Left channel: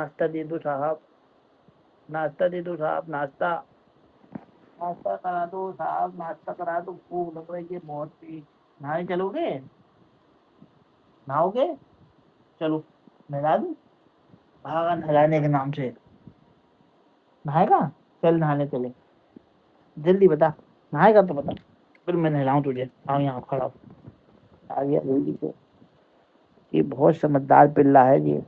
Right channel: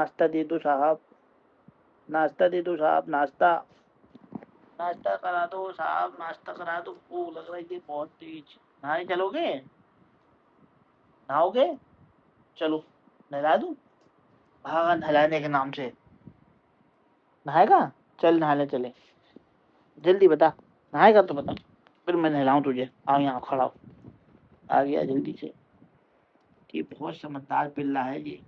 नाश्ता दे दो साहब, नाश्ता दे दो साहब, नाश्ता नाश्ता करा दो साहब, नाश्ता करा दो। भूख लग रही है बहुत तेज। नहाने चलोगे? नहाओगे? चलो नहला दूं? भागा नहलाने के नाम से। नहाएगा? चल नहाने चले, जल्दी बता। नहाएगा तो बता, फिर मैं नहलाऊं तुझे। आओ यहाँ खड़ा हो, आ गया जल्दी से। ये बहुत समझदार पिल्ला है ये,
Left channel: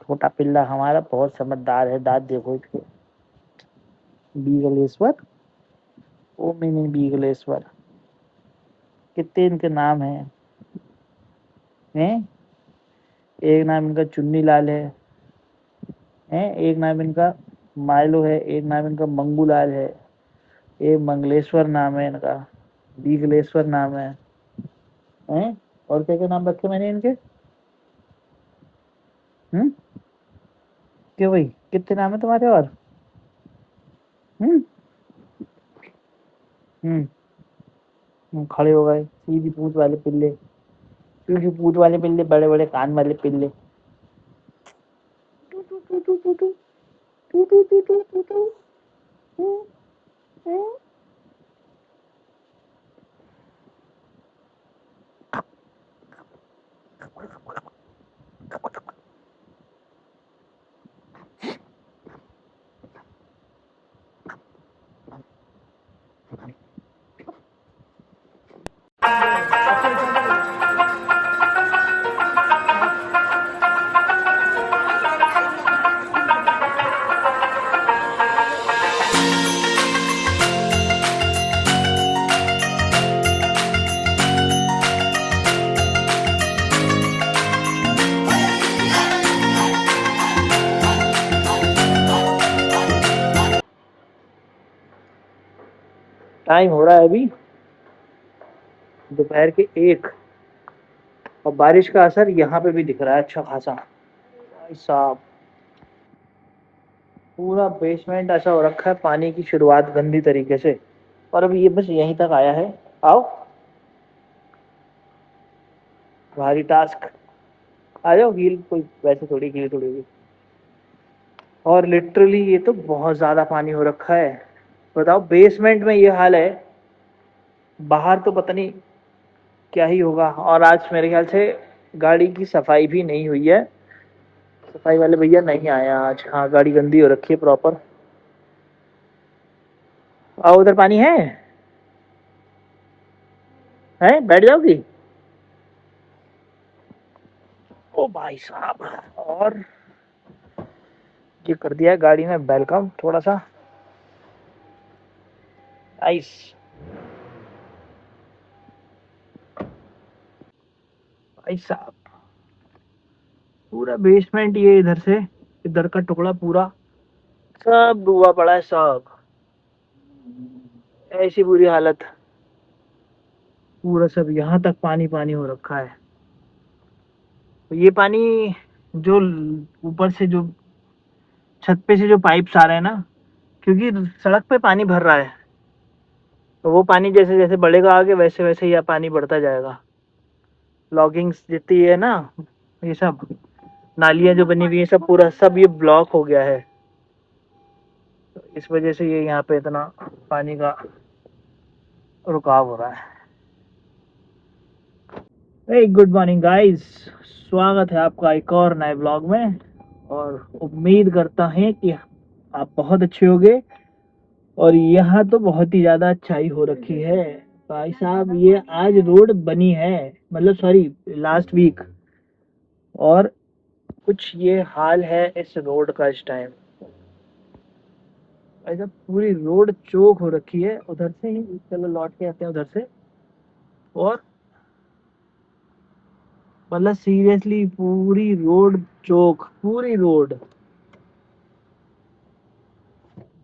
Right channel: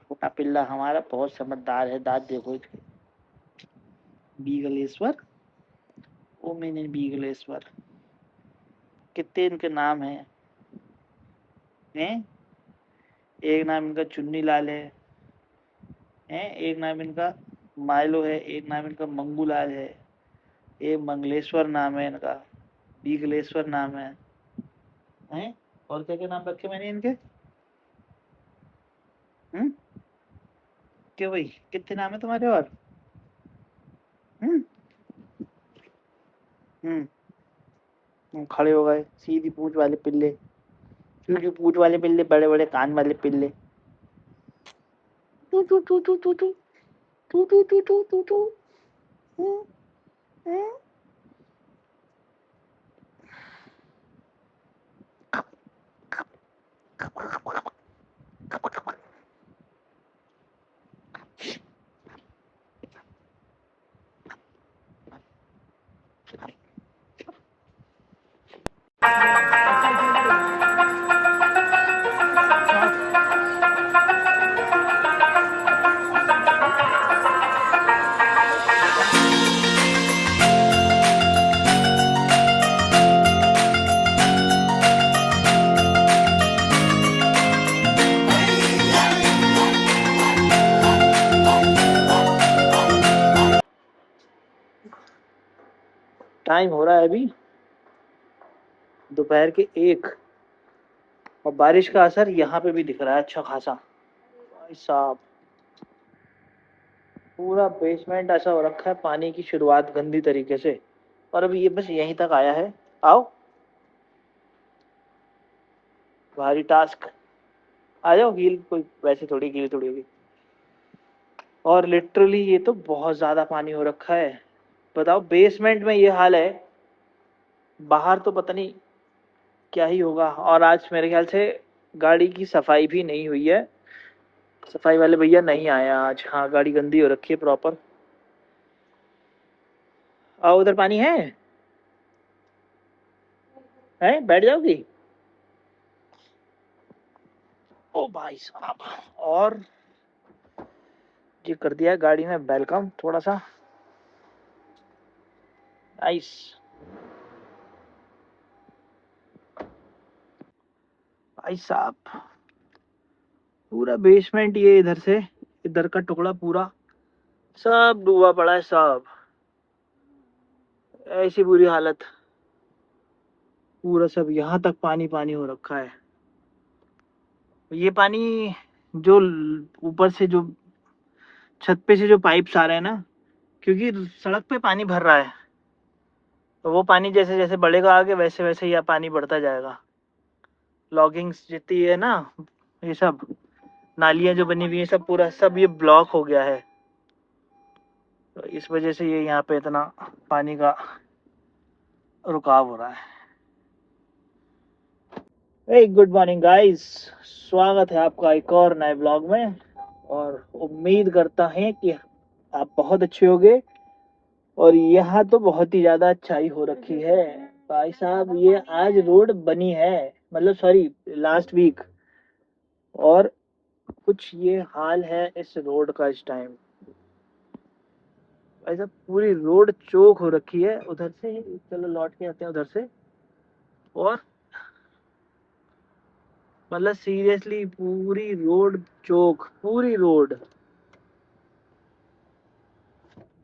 छोटा पिल्ला हमारा बहुत समझदार है। दांत देखो इसके। बीगलेश्वर, ओ मैंने बीगलेश्वर। कितने इनके नाम हैं? एक नाम इनका चुन्नी लाल है, एक नाम इनका माइलो है, एक नाम इनका मंगूलाल है, एक मंगलेश्वर नाम है इनका, बीगलेश्वर नाम है। और क्या क्या नाम रखे मैंने इनके? क्यों भाई, कितने नाम है तुम्हारे? और खड़े हो गए। सीधी पूंछ वाले पिल्ले, सीधी पूंछ वाले पिल्ले, बड़े बड़े कान वाले पिल्ले। टू टू टू टू टू टू टू टू टू टू टू टू। टाइम हो रहा है अभी दोपहर के 1, और बारिश का असर यहाँ पे भी दिख रहा है अच्छा खासा। भाई साहब, पूरा बेसमेंट ऐसा हो रखा है, पानी की शुरुआत गंदी तरीके से। और अभी ये बस यहीं तक आया है। आओ, भारी टास्क। आ जाओ, हील कोई वैसे थोड़ी हील थोड़ी होगी। और लिटरली ये तो बहुत ज्यादा पानी हो रखा है। बताओ, बेसमेंट में ये हाल है, बाहर तो पता नहीं क्या ही होगा। और आज मेरे ख्याल से गाड़ी की सफाई भी नहीं हुई है, सफाई वाले भैया नहीं आए आज। हाँ, गाड़ी गंदी हो रखी है प्रॉपर। आओ, उधर पानी है बैठ जाओगी? ओ भाई साहब, और ये कर दिया है गाड़ी में वेलकम थोड़ा सा आइस। भाई साहब, पूरा बेसमेंट, ये इधर से इधर का टुकड़ा पूरा सब डूबा पड़ा है सब। ऐसी बुरी हालत, पूरा सब यहाँ तक पानी पानी हो रखा है। ये पानी जो ऊपर से जो छत पे से जो पाइप्स आ रहे हैं ना, क्योंकि सड़क पे पानी भर रहा है, तो वो पानी जैसे जैसे बढ़ेगा आगे, वैसे वैसे यह पानी बढ़ता जाएगा। लॉगिंग्स जितनी है ना, ये सब नालियां जो बनी हुई है, सब पूरा सब ये ब्लॉक हो गया है। तो इस वजह से ये यहाँ पे इतना पानी का रुकाव हो रहा है। गुड मॉर्निंग गाइस, स्वागत है आपका एक और नए ब्लॉग में। और उम्मीद करता है कि आप बहुत अच्छे होंगे। और यहाँ तो बहुत ही ज्यादा अच्छाई हो रखी है भाई साहब। ये आज रोड बनी है, मतलब सॉरी लास्ट वीक। और कुछ ये हाल है इस रोड का इस टाइम। ऐसा पूरी रोड चौक हो रखी है। उधर से ही चलो लौट के आते हैं उधर से। और मतलब सीरियसली पूरी रोड चौक, पूरी रोड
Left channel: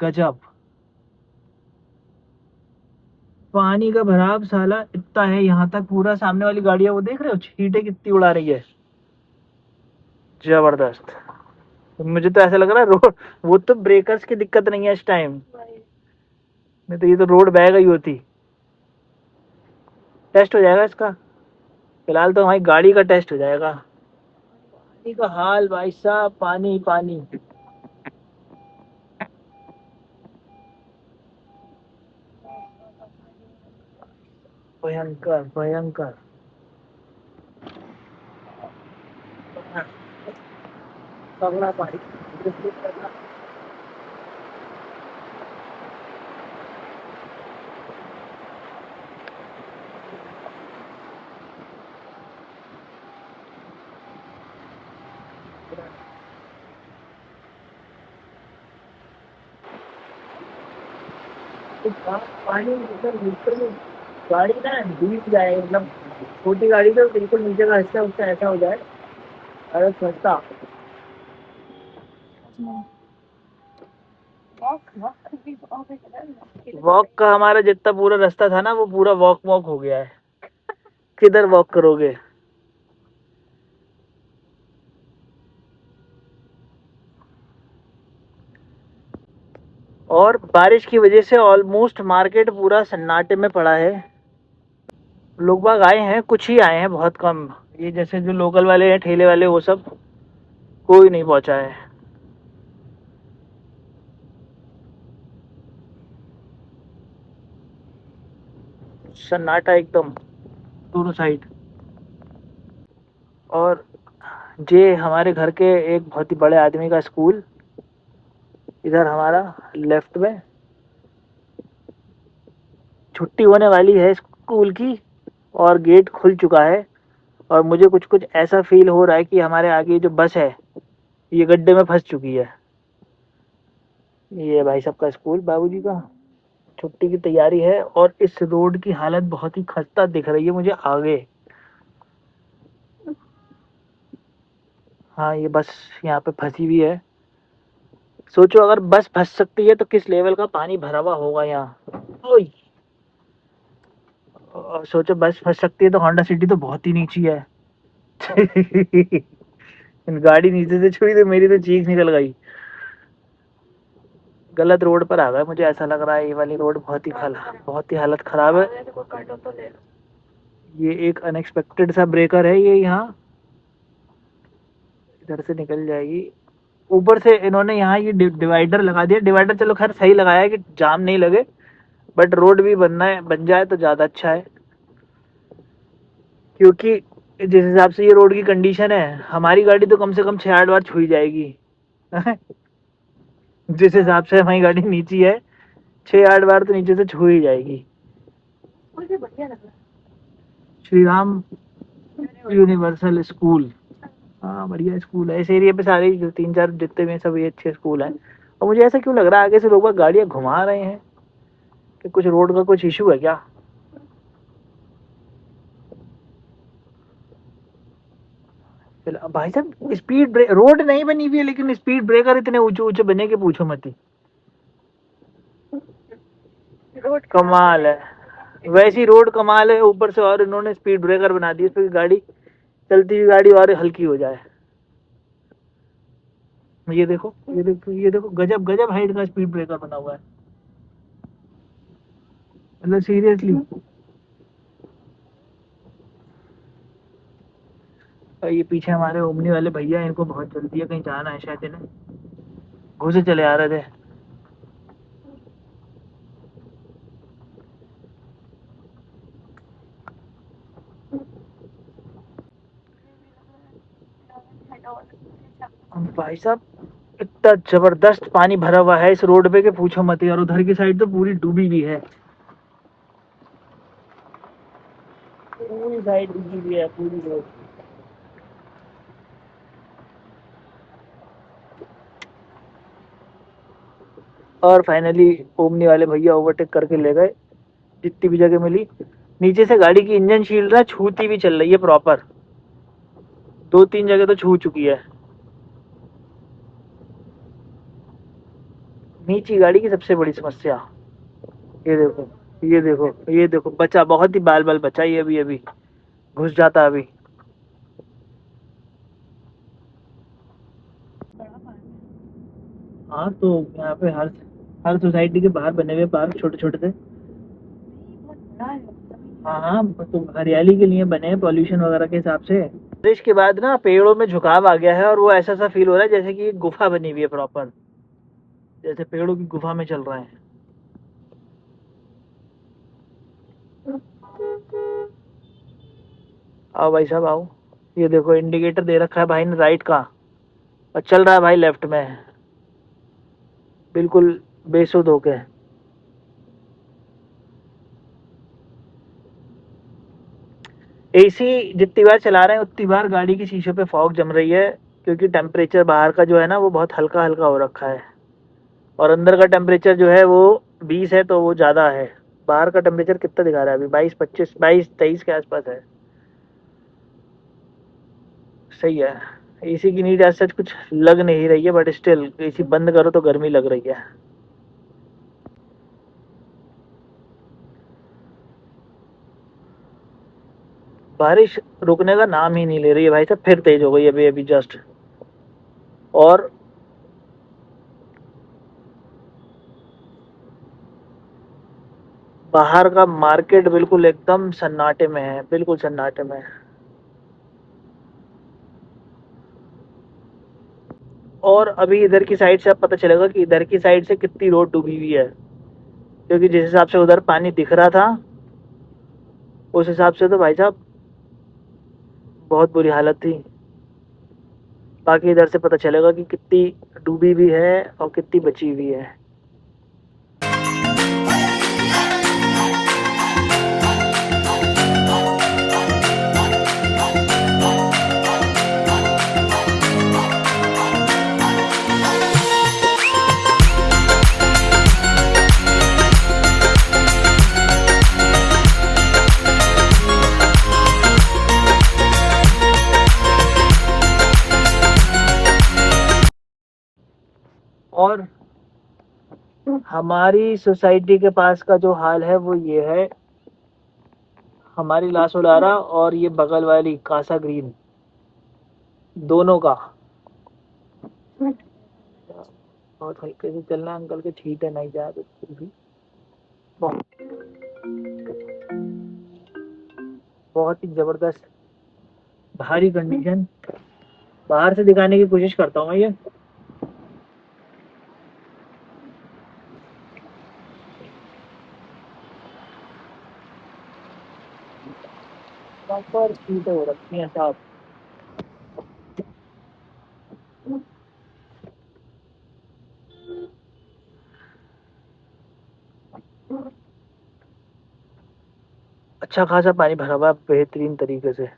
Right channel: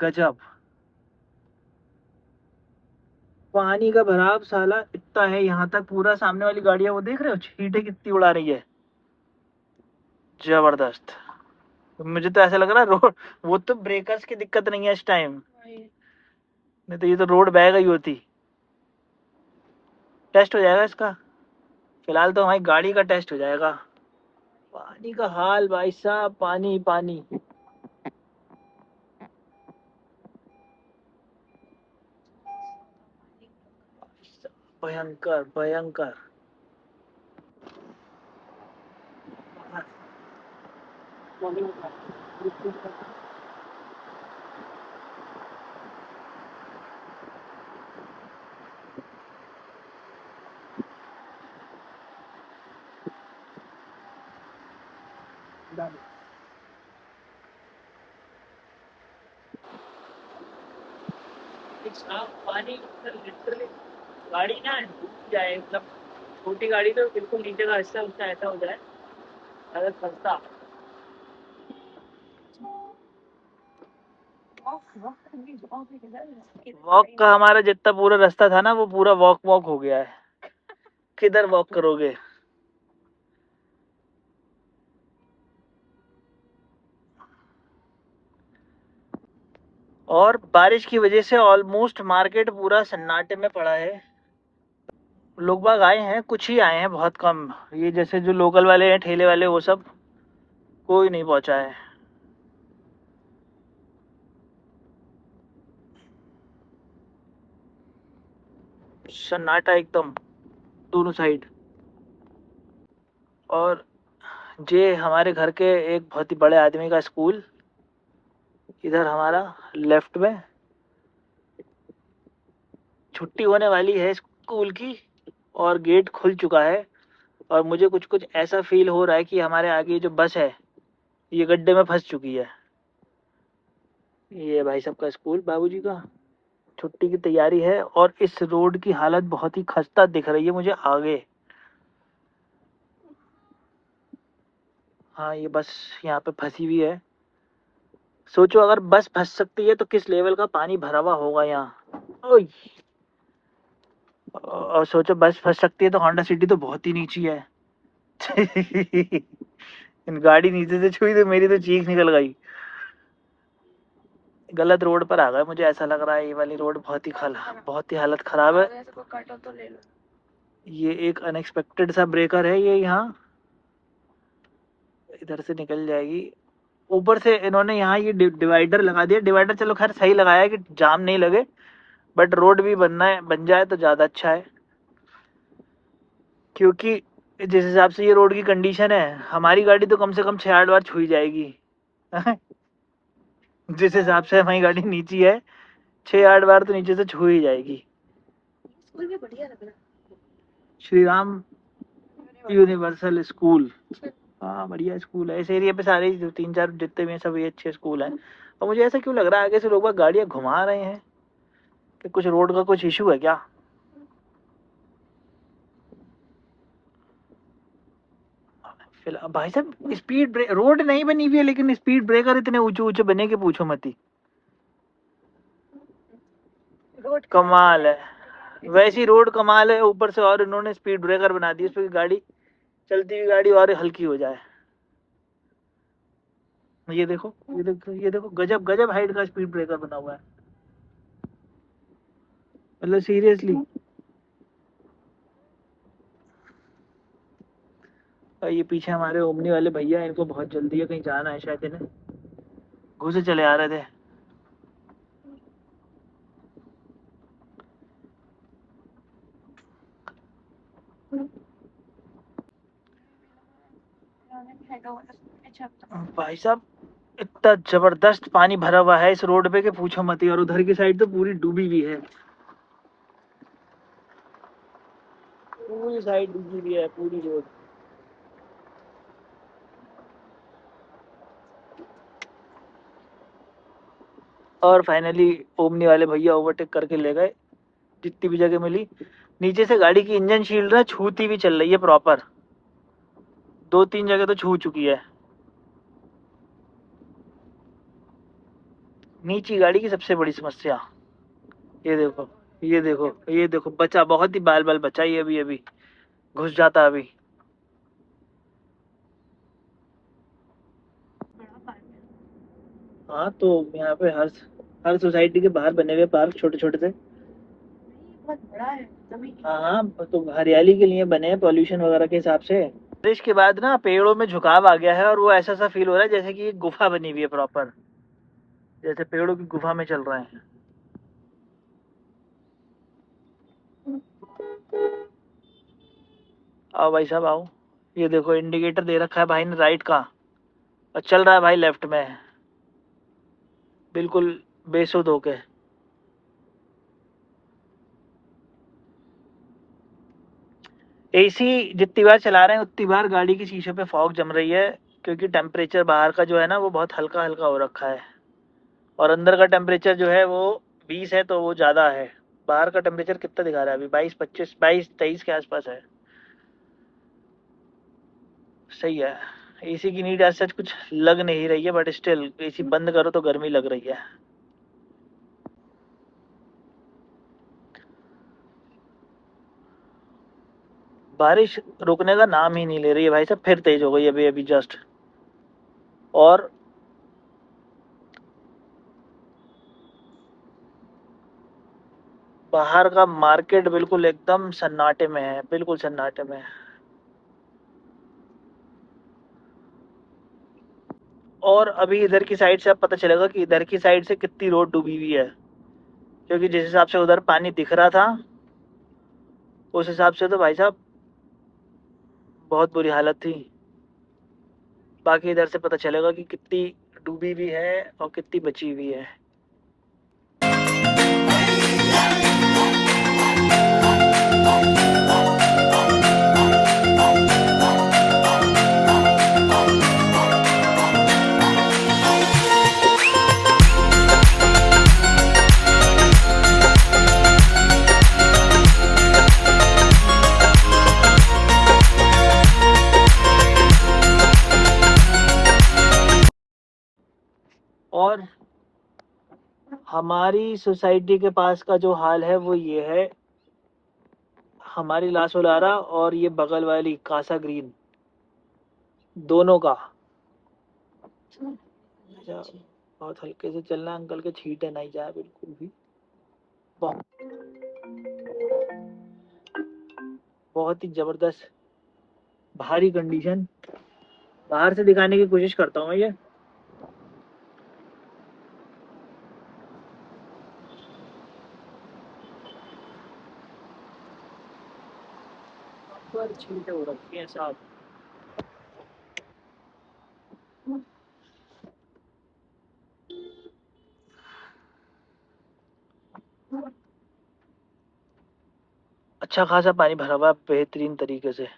गजब। पानी का भराव साला इतना है यहाँ तक, पूरा सामने वाली गाड़ियां वो देख रहे हो छींटे कितनी उड़ा रही है, जबरदस्त। तो मुझे तो ऐसा लग रहा है रोड, वो तो ब्रेकर्स की दिक्कत नहीं है इस टाइम, नहीं तो ये तो रोड बह गई होती। टेस्ट हो जाएगा इसका, फिलहाल तो हमारी गाड़ी का टेस्ट हो जाएगा। पानी का हाल भाई साहब, पानी पानी। भयंकर भयंकर। पगला पानी। पानी ऊपर बिल्कुल गाड़ी ना डूब जाए, मतलब छोटी गाड़ी तो बिल्कुल नीचे का हिस्सा उसका ऐसा हो जाए, अरे फंसता। वॉक का हमारा जितना पूरा रास्ता था ना, वो पूरा वॉक वॉक हो गया है। किधर वॉक करोगे। और बारिश की वजह से ऑलमोस्ट मार्केट पूरा सन्नाटे में पड़ा है। लोग बाग आए हैं, कुछ ही आए हैं, बहुत कम। ये जैसे जो लोकल वाले हैं, ठेले वाले, वो सब कोई नहीं पहुंचा है। सन्नाटा एकदम दोनों साइड। और ये हमारे घर के एक बहुत ही बड़े आदमी का स्कूल, इधर हमारा लेफ्ट में। छुट्टी होने वाली है स्कूल की और गेट खुल चुका है। और मुझे कुछ कुछ ऐसा फील हो रहा है कि हमारे आगे जो बस है ये गड्ढे में फंस चुकी है। ये भाई साहब का स्कूल, बाबूजी का। छुट्टी की तैयारी है और इस रोड की हालत बहुत ही खस्ता दिख रही है मुझे आगे। हाँ, ये बस यहाँ पे फंसी हुई है। सोचो अगर बस फंस सकती है तो किस लेवल का पानी भरा हुआ होगा यहाँ। ओय। और सोचो बस फंस सकती है तो होंडा सिटी तो बहुत ही नीची है। गाड़ी नीचे से छुई तो मेरी तो चीख निकल गई। गलत रोड पर आ गए, मुझे ऐसा लग रहा है। ये वाली रोड बहुत ही हालत खराब है। ये एक अनएक्सपेक्टेड सा ब्रेकर है ये यहाँ। इधर से निकल जाएगी। ऊपर से इन्होंने यहाँ ये डिवाइडर लगा दिया। डिवाइडर चलो खैर सही लगाया है कि जाम नहीं लगे, बट रोड भी बन जाए तो ज़्यादा अच्छा है। क्योंकि जिस हिसाब से ये रोड की कंडीशन है, हमारी गाड़ी तो कम से कम 6-8 बार छुई जाएगी। जिस हिसाब से हमारी गाड़ी नीची है, 6-8 बार तो नीचे से छू ही जाएगी। बढ़िया लग रहा है। Shri Ram universal school. हाँ, बढ़िया स्कूल है। इस एरिया पे सारे जो 3-4 जितने भी हैं सभी अच्छे स्कूल हैं। और मुझे ऐसा क्यों लग रहा है आगे से लोग बाग गाड़ियाँ घुमा रहे हैं कि कुछ रोड का कुछ इशू है क्या। फिलहाल भाई साहब स्पीड ब्रेक, रोड नहीं बनी हुई है लेकिन स्पीड ब्रेकर इतने ऊंचे ऊंचे बने के पूछो मत ही। रोड कमाल है। वैसी रोड कमाल है, ऊपर से और इन्होंने स्पीड ब्रेकर बना दी, इसमें गाड़ी चलती हुई गाड़ी और हल्की हो जाए। ये देखो ये देखो ये देखो, गजब गजब हाइट का स्पीड ब्रेकर बना हुआ है, मतलब सीरियसली। ये पीछे हमारे ओमनी वाले भैया, इनको बहुत जल्दी है, कहीं जाना है शायद इन्हें, घुसे चले आ रहे थे। भाई साहब इतना जबरदस्त पानी भरा हुआ है इस रोड पे कि पूछो मत ही। और उधर की साइड तो पूरी डूबी हुई है, पूरी साइड डूबी हुई है, पूरी रोड। और फाइनली ओमनी वाले भैया ओवरटेक करके ले गए जितनी भी जगह मिली। नीचे से गाड़ी की इंजन शील्ड ना छूती भी चल रही है प्रॉपर, 2-3 जगह तो छू चुकी है। नीची गाड़ी की सबसे बड़ी समस्या। ये देखो ये देखो ये देखो, बचा बहुत ही बाल बाल बचा ही, अभी अभी घुस जाता अभी। हाँ तो यहाँ पे हर सोसाइटी के बाहर बने हुए पार्क छोटे छोटे से। बहुत बड़ा है तभी। हाँ हाँ, तो हरियाली के लिए बने हैं, पॉल्यूशन वगैरह के हिसाब से। बारिश के बाद ना पेड़ों में झुकाव आ गया है और वो ऐसा सा फील हो रहा है जैसे कि एक गुफा बनी हुई है प्रॉपर, जैसे पेड़ों की गुफा में चल रहे हैं। आओ भाई साहब आओ। ये देखो इंडिकेटर दे रखा है भाई ने राइट का, और चल रहा है भाई लेफ्ट में, बिल्कुल बेसुध होके। एसी जितनी बार चला रहे हैं उतनी बार गाड़ी की शीशे पे फॉग जम रही है, क्योंकि टेम्परेचर बाहर का जो है ना वो बहुत हल्का हल्का हो रखा है, और अंदर का टेम्परेचर जो है वो 20 है, तो वो ज़्यादा है। बाहर का टेम्परेचर कितना दिखा रहा है अभी? 22 25 22 23 के आसपास है। सही है। एसी की नीड ऐसा कुछ लग नहीं रही है, बट स्टिल एसी बंद करो तो गर्मी लग रही है। बारिश रुकने का नाम ही नहीं ले रही है भाई साहब, फिर तेज हो गई अभी अभी जस्ट। और बाहर का मार्केट बिल्कुल एकदम सन्नाटे में है, बिल्कुल सन्नाटे में है। और अभी इधर की साइड से अब पता चलेगा कि इधर की साइड से कितनी रोड डूबी हुई है, क्योंकि जिस हिसाब से उधर पानी दिख रहा था उस हिसाब से तो भाई साहब बहुत बुरी हालत थी। बाकी इधर से पता चलेगा कि कितनी डूबी हुई है और कितनी बची हुई है। और हमारी सोसाइटी के पास का जो हाल है वो ये है, हमारी लासोलारा और ये बगल वाली कासा ग्रीन, दोनों का। बहुत हल्के से चलना है, अंकल के छींटे नहीं जाए बिल्कुल भी। बहुत बहुत ही जबरदस्त भारी कंडीशन। बाहर से दिखाने की कोशिश करता हूँ मैं ये। प्रॉपर छींटे हो रखी हैं साहब। अच्छा खासा पानी भरा हुआ है बेहतरीन तरीके से।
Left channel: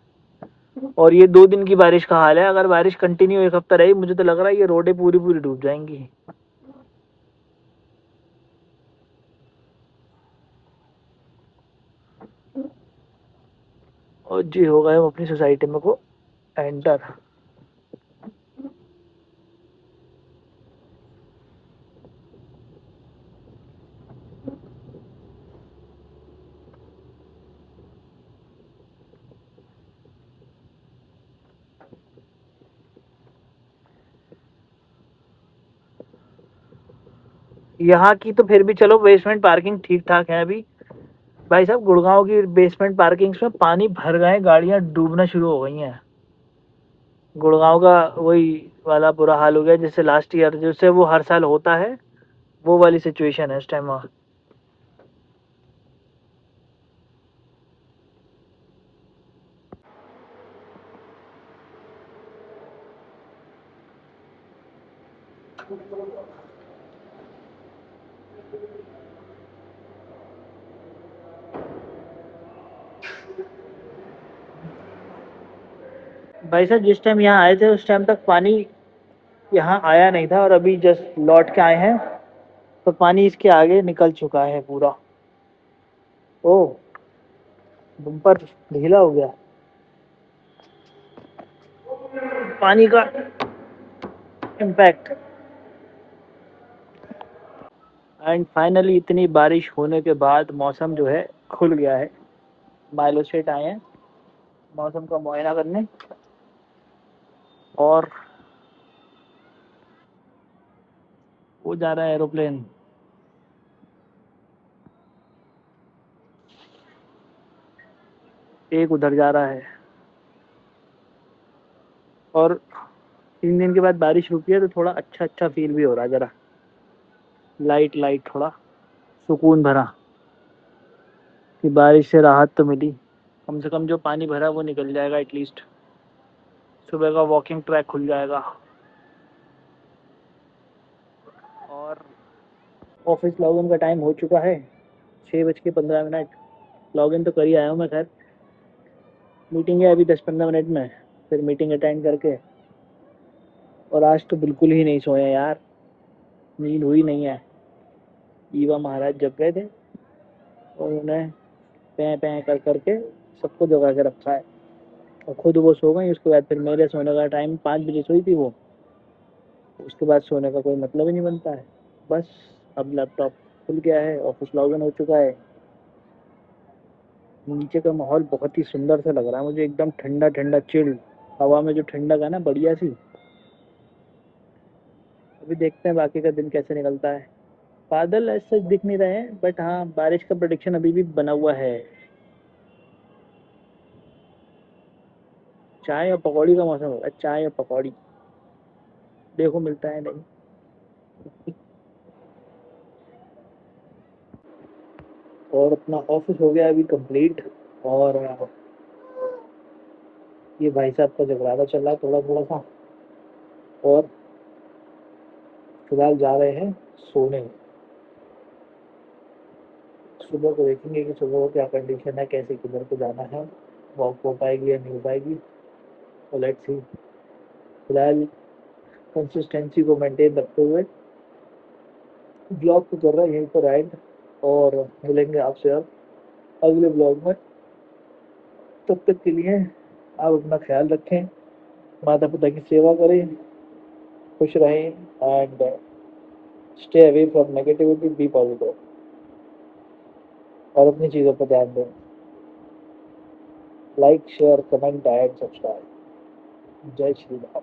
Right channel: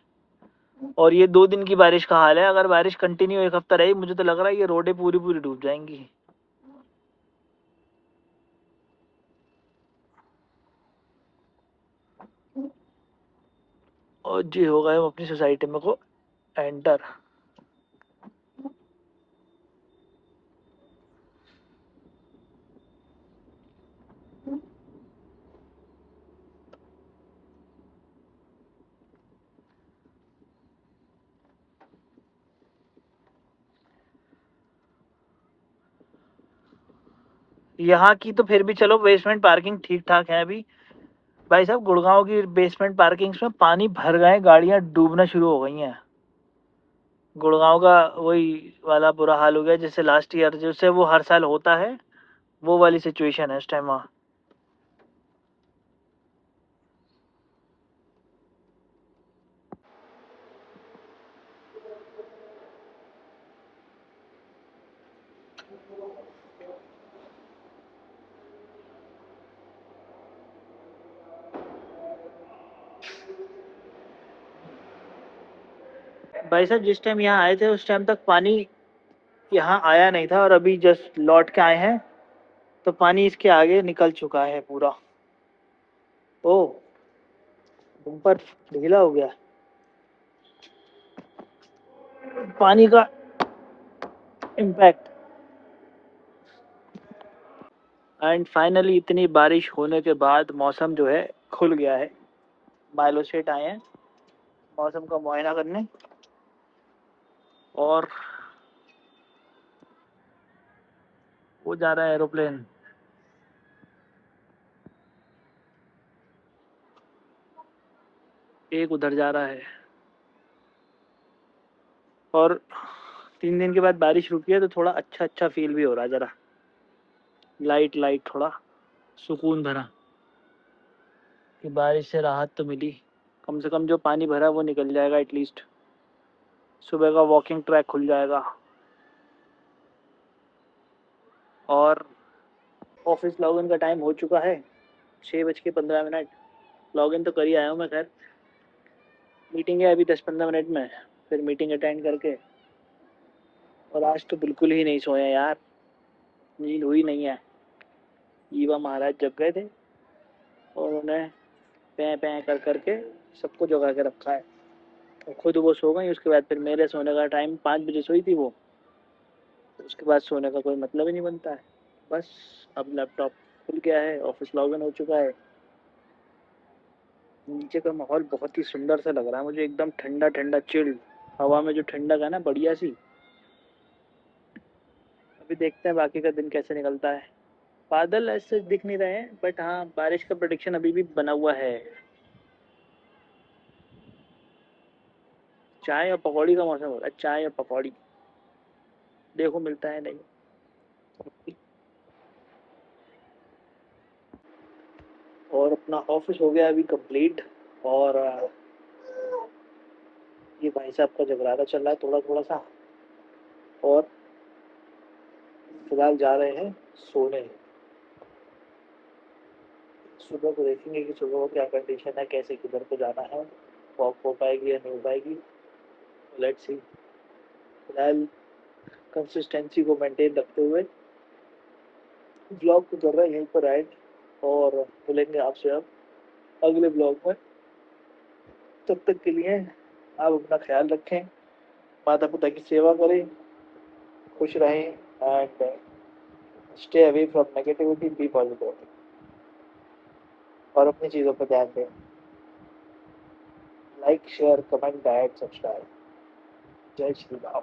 और ये 2 दिन की बारिश का हाल है, अगर बारिश कंटिन्यू एक हफ्ता रही मुझे तो लग रहा है ये रोडें पूरी पूरी डूब जाएंगी। और जी हो गए हम अपनी सोसाइटी में को एंटर। यहाँ की तो फिर भी चलो बेसमेंट पार्किंग ठीक ठाक है अभी। भाई साहब गुड़गांव की बेसमेंट पार्किंग्स में पानी भर गए, गाड़ियां डूबना शुरू हो गई हैं। गुड़गांव का वही वाला बुरा हाल हो गया जैसे लास्ट ईयर जैसे वो हर साल होता है, वो वाली सिचुएशन है इस टाइम वहाँ। भाई साहब जिस टाइम यहाँ आए थे उस टाइम तक पानी यहाँ आया नहीं था, और अभी जस्ट लौट के आए हैं तो पानी इसके आगे निकल चुका है पूरा। ओ, बम्पर ढीला हो गया पानी का इम्पैक्ट। एंड फाइनली इतनी बारिश होने के बाद मौसम जो है खुल गया है। माइलो सेट आए हैं मौसम का मुआयना करने, और वो जा रहा है एरोप्लेन। एक उधर जा रहा है। और 3 दिन के बाद बारिश रुकी है तो थोड़ा अच्छा फील भी हो रहा है, ज़रा लाइट लाइट थोड़ा सुकून भरा कि बारिश से राहत तो मिली। कम से कम जो पानी भरा वो निकल जाएगा एटलीस्ट। सुबह का वॉकिंग ट्रैक खुल जाएगा। और ऑफिस लॉगिन का टाइम हो चुका है, 6:15। लॉगिन तो कर ही आया हूँ मैं। खैर मीटिंग है अभी 10-15 मिनट में, फिर मीटिंग अटेंड करके। और आज तो बिल्कुल ही नहीं सोए यार, नींद हुई नहीं है। ईवा महाराज जग गए थे और उन्हें पैं पैं कर करके सबको जगा के रखा है, और खुद वो सो गई। उसके बाद फिर मेरे सोने का टाइम 5 बजे सोई थी वो, उसके बाद सोने का कोई मतलब ही नहीं बनता है। बस अब लैपटॉप खुल गया है, ऑफिस लॉगिन हो चुका है। नीचे का माहौल बहुत ही सुंदर सा लग रहा है मुझे, एकदम ठंडा ठंडा चिल्ड। हवा में जो ठंडक है ना, बढ़िया सी। अभी देखते हैं बाकी का दिन कैसे निकलता है। बादल ऐसे दिख नहीं रहे हैं, बट हाँ बारिश का प्रेडिक्शन अभी भी बना हुआ है। चाय और पकौड़ी का मौसम हो रहा है, चाय और पकौड़ी। देखो मिलता है नहीं। और अपना ऑफिस हो गया अभी कंप्लीट। और ये भाई साहब का जगराता चल रहा है थोड़ा थोड़ा सा। और फिलहाल जा रहे हैं सोने। सुबह को देखेंगे कि सुबह को क्या कंडीशन है, कैसे किधर को जाना है, वॉक हो पाएगी या नहीं हो पाएगी। तो लेट्स सी। फिलहाल कंसिस्टेंसी को मेंटेन रखते हुए ब्लॉग को कर रहा है यहीं पर एंड। और मिलेंगे आपसे अब अगले ब्लॉग में। तब तक के लिए आप अपना ख्याल रखें, माता पिता की सेवा करें, खुश रहें, and stay away from negativity, be positive, और अपनी चीज़ों पर ध्यान दें। Like share comment and subscribe. जय श्री राम।